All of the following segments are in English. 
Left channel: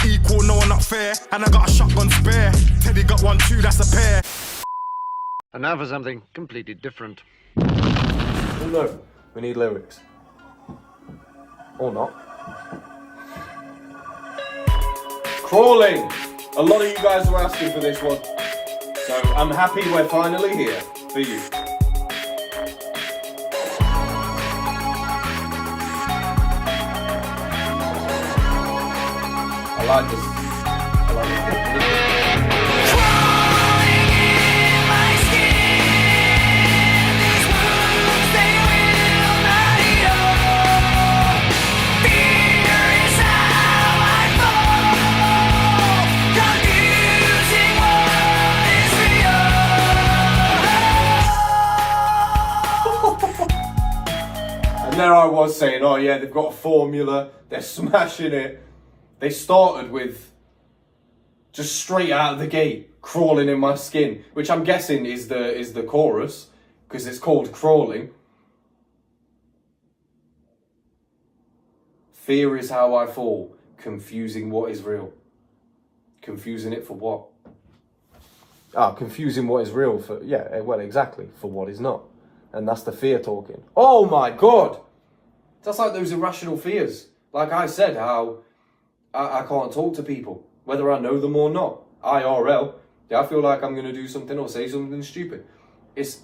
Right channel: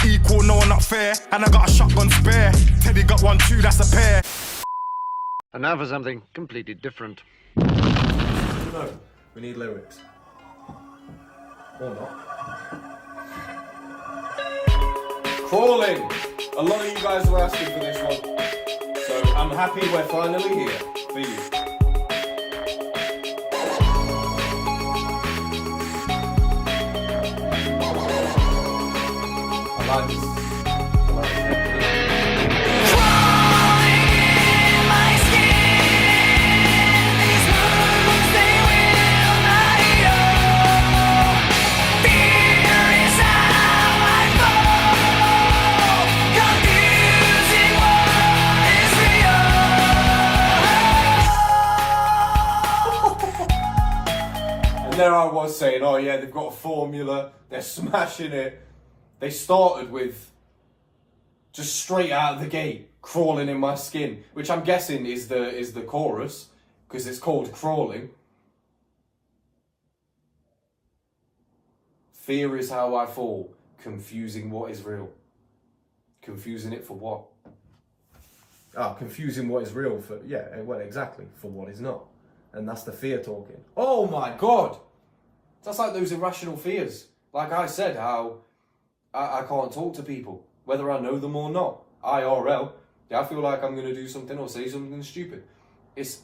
not equal, no, not fair. And I got a shotgun spare. Teddy got 1, 2, that's a pair. And now for something completely different. No, we need lyrics. Or not. Crawling! A lot of you guys were asking for this one. So I'm happy we're finally here for you. I like this. There I was saying, oh yeah, they've got a formula, they're smashing it. They started with just straight out of the gate, crawling in my skin, which I'm guessing is the chorus, because it's called Crawling. Fear is how I fall, confusing what is real. Confusing it for what? Confusing what is real for, yeah, well, exactly, for what is not. And that's the fear talking. Oh my God! That's like those irrational fears. Like I said, how I can't talk to people, whether I know them or not. IRL, I feel like I'm going to do something or say something stupid. It's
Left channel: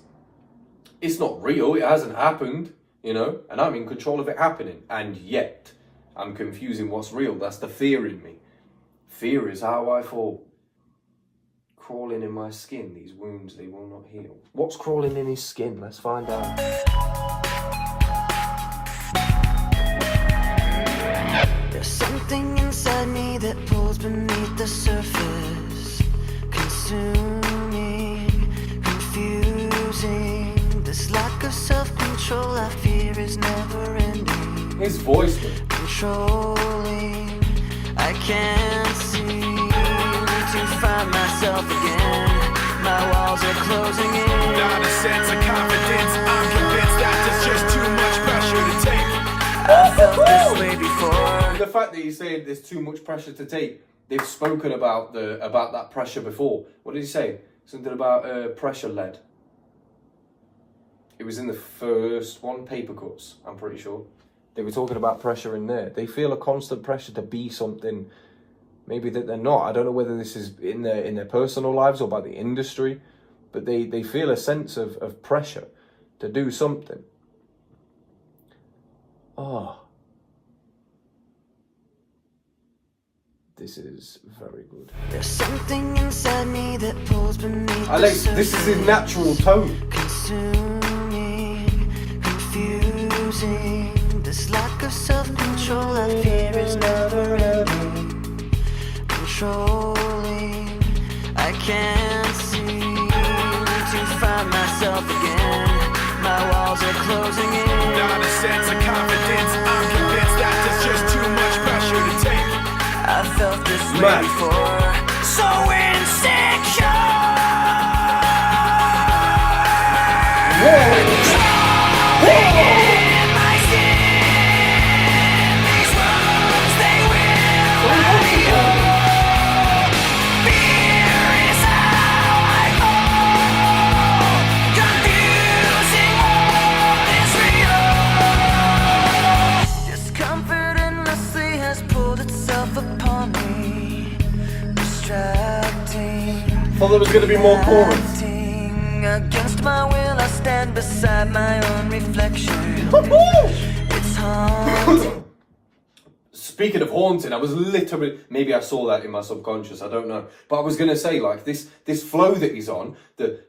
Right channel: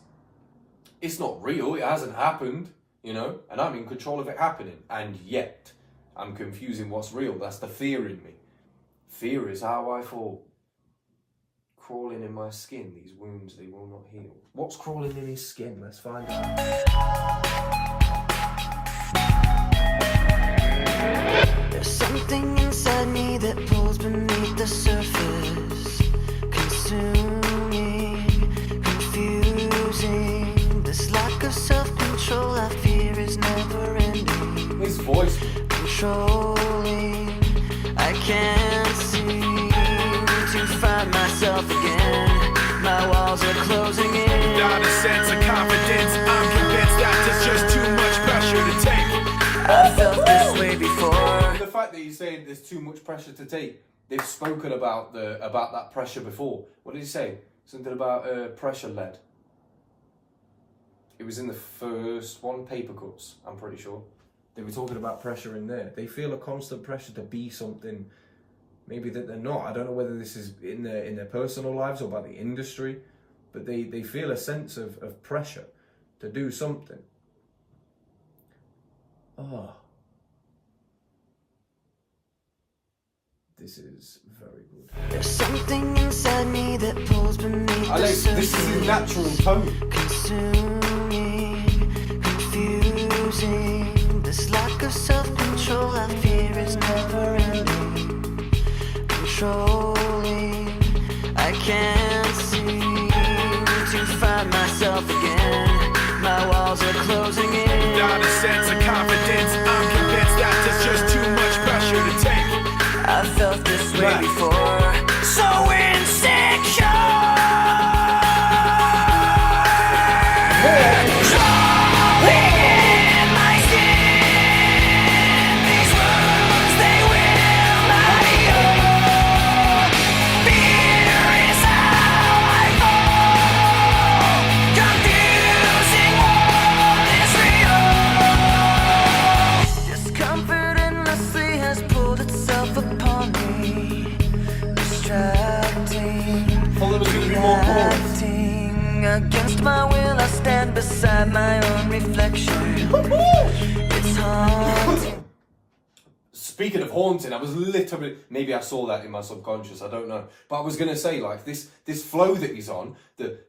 not real, it hasn't happened, you know, and I'm in control of it happening. And yet, I'm confusing what's real. That's the fear in me. Fear is how I fall. Crawling in my skin, these wounds, they will not heal. What's crawling in his skin? Let's find out. There's something inside me that pulls beneath the surface, consuming, confusing. This lack of self-control I fear is never ending. His voice. Controlling, I can't seem to find myself again. My walls are closing in. Not a sense of confidence. I'm convinced that there's just too much pressure to take. I felt this way before. The fact that he's saying there's too much pressure to take, they've spoken about that pressure before. What did he say? Something about pressure lead. It was in the first one, Paper Cuts, I'm pretty sure. They were talking about pressure in there. They feel a constant pressure to be something maybe that they're not. I don't know whether this is in their personal lives or by the industry, but they feel a sense of pressure to do something. Oh. This is very good. There's something inside me that pulls beneath the surface. This is his natural tone. Consuming, confusing. This lack of self-control I fear is never ending. Controlling, I can't seem to find myself again. My walls are closing in. Not a sense of confidence. I'm convinced that there's just too much pressure to take. I felt this way before. So insecure. Crawling in my skin. These wounds, they will not heal. Fear is how I fall. Confusing what is real. Discomfort endlessly has pulled itself upon me. Distracting. Thought there was going to be more chords. Against my will, I stand beside my own reflection. It's haunting. Speaking of haunting, I was literally, maybe I saw that in my subconscious, I don't know. But I was going to say, like, this flow that he's on, that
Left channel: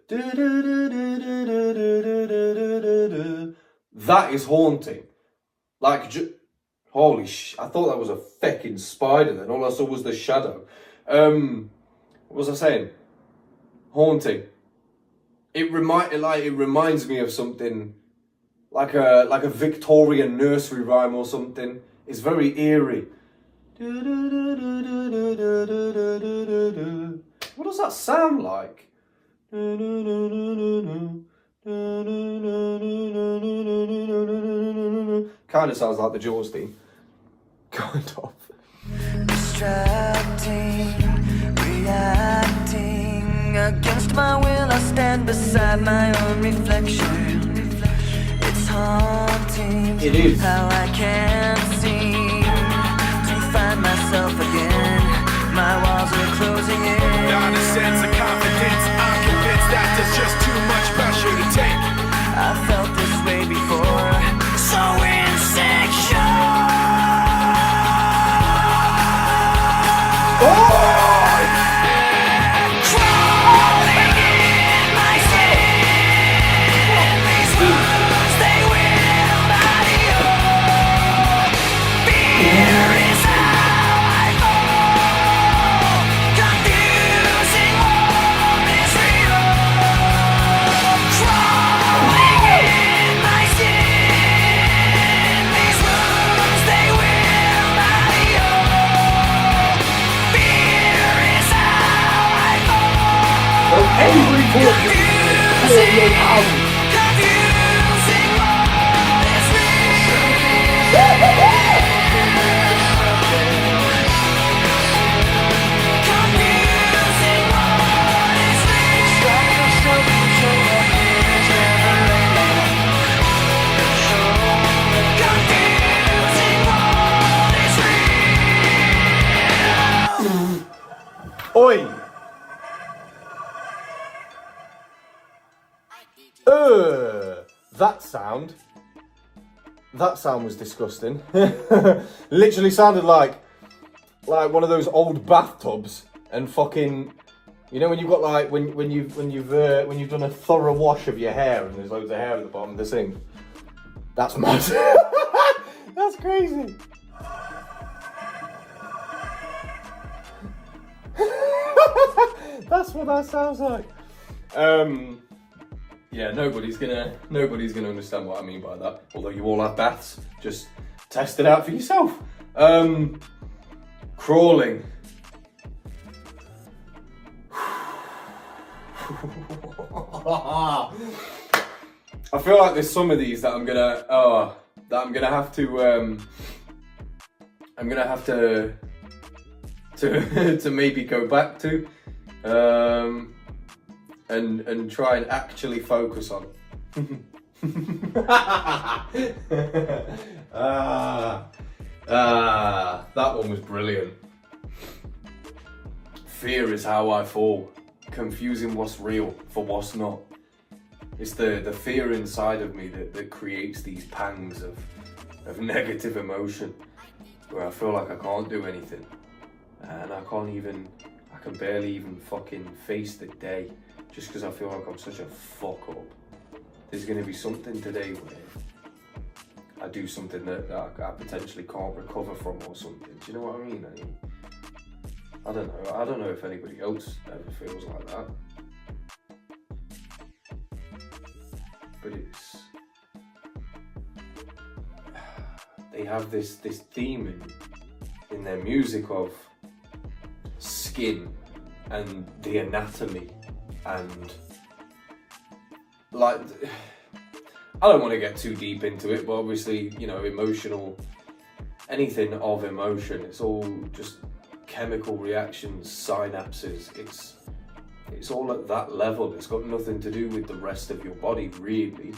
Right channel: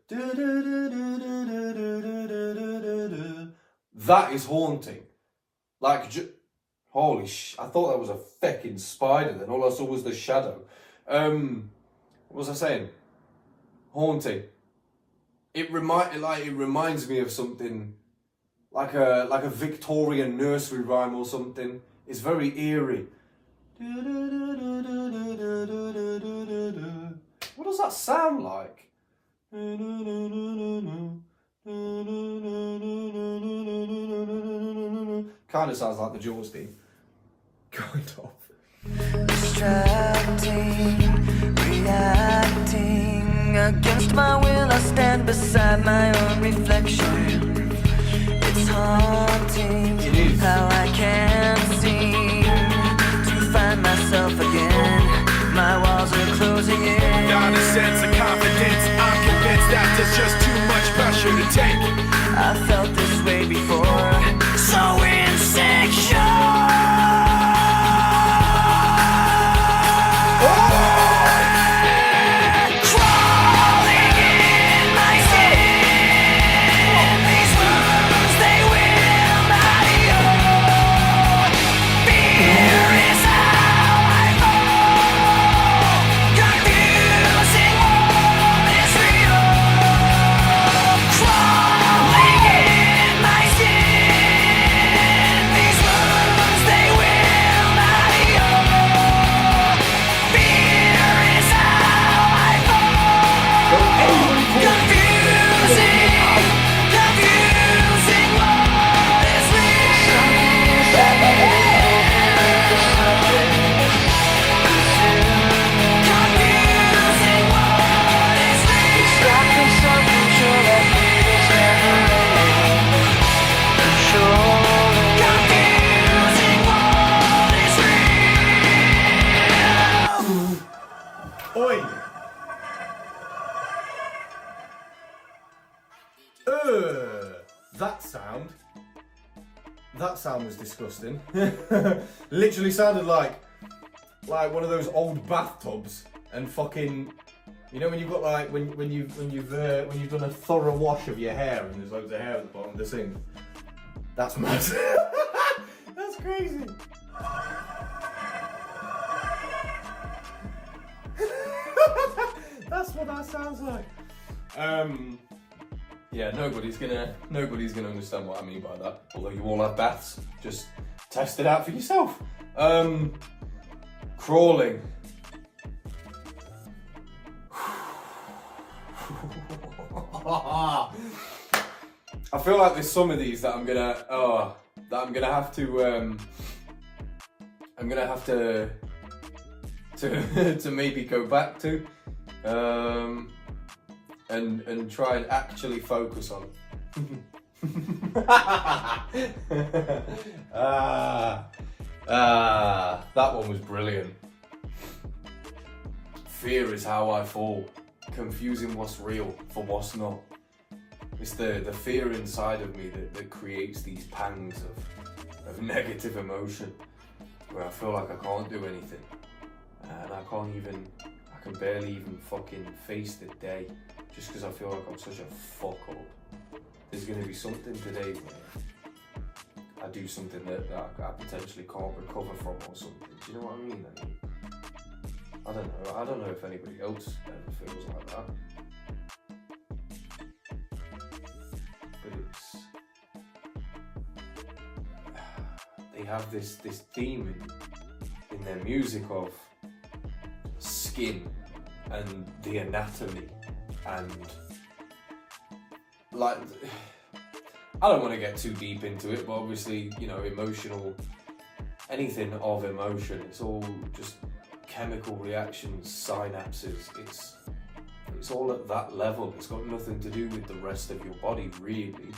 is haunting. Like, holy I thought that was a fucking spider then. All I saw was the shadow. What was I saying? Haunting. It reminds me of something like a Victorian nursery rhyme or something. It's very eerie. What does that sound like? Kind of sounds like the Jaws theme. Kind of. my will, I stand beside my own reflection. It's haunting It is. how I can't seem to find myself again. My walls are closing in. Not a sense of confidence. I'm convinced that there's just too much pressure to take. I felt this way before, so insecure. Crawling in my skin, these wounds they will not heal. Fear is how I fall, confusing what is real. Crawling in my skin, these wounds they will not heal. Fear is how I fall, confusing what is confusing what is confusing what is real. Oi! That sound was disgusting. Literally sounded like one of those old bathtubs and fucking, you know when you've got like when you've done a thorough wash of your hair and there's loads of hair at the bottom of the sink. That's mad. That's crazy. That's what that sounds like. Yeah, nobody's gonna understand what I mean by that. Although you all have baths, just test it out for yourself. Crawling. I feel like there's some of these that I'm gonna have to maybe go back to. And try and actually focus on. That one was brilliant. Fear is how I fall, confusing what's real for what's not. It's the fear inside of me that creates these pangs of negative emotion, where I feel like I can't do anything, and I can barely even fucking face the day. Just because I feel like I'm such a fuck up. There's going to be something today where I do something that I potentially can't recover from or something. Do you know what I mean? I don't know. I don't know if anybody else ever feels like that. But they have this theme in their music of skin and the anatomy. And like, I don't want to get too deep into it, but obviously, you know, anything of emotion, it's all just chemical reactions, synapses. It's all at that level. It's got nothing to do with the rest of your body, really.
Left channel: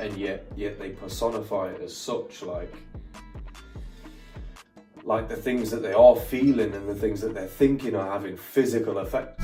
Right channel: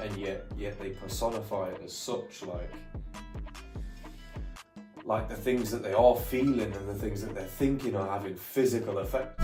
And yet they personify it as such, like the things that they are feeling and the things that they're thinking are having physical effect.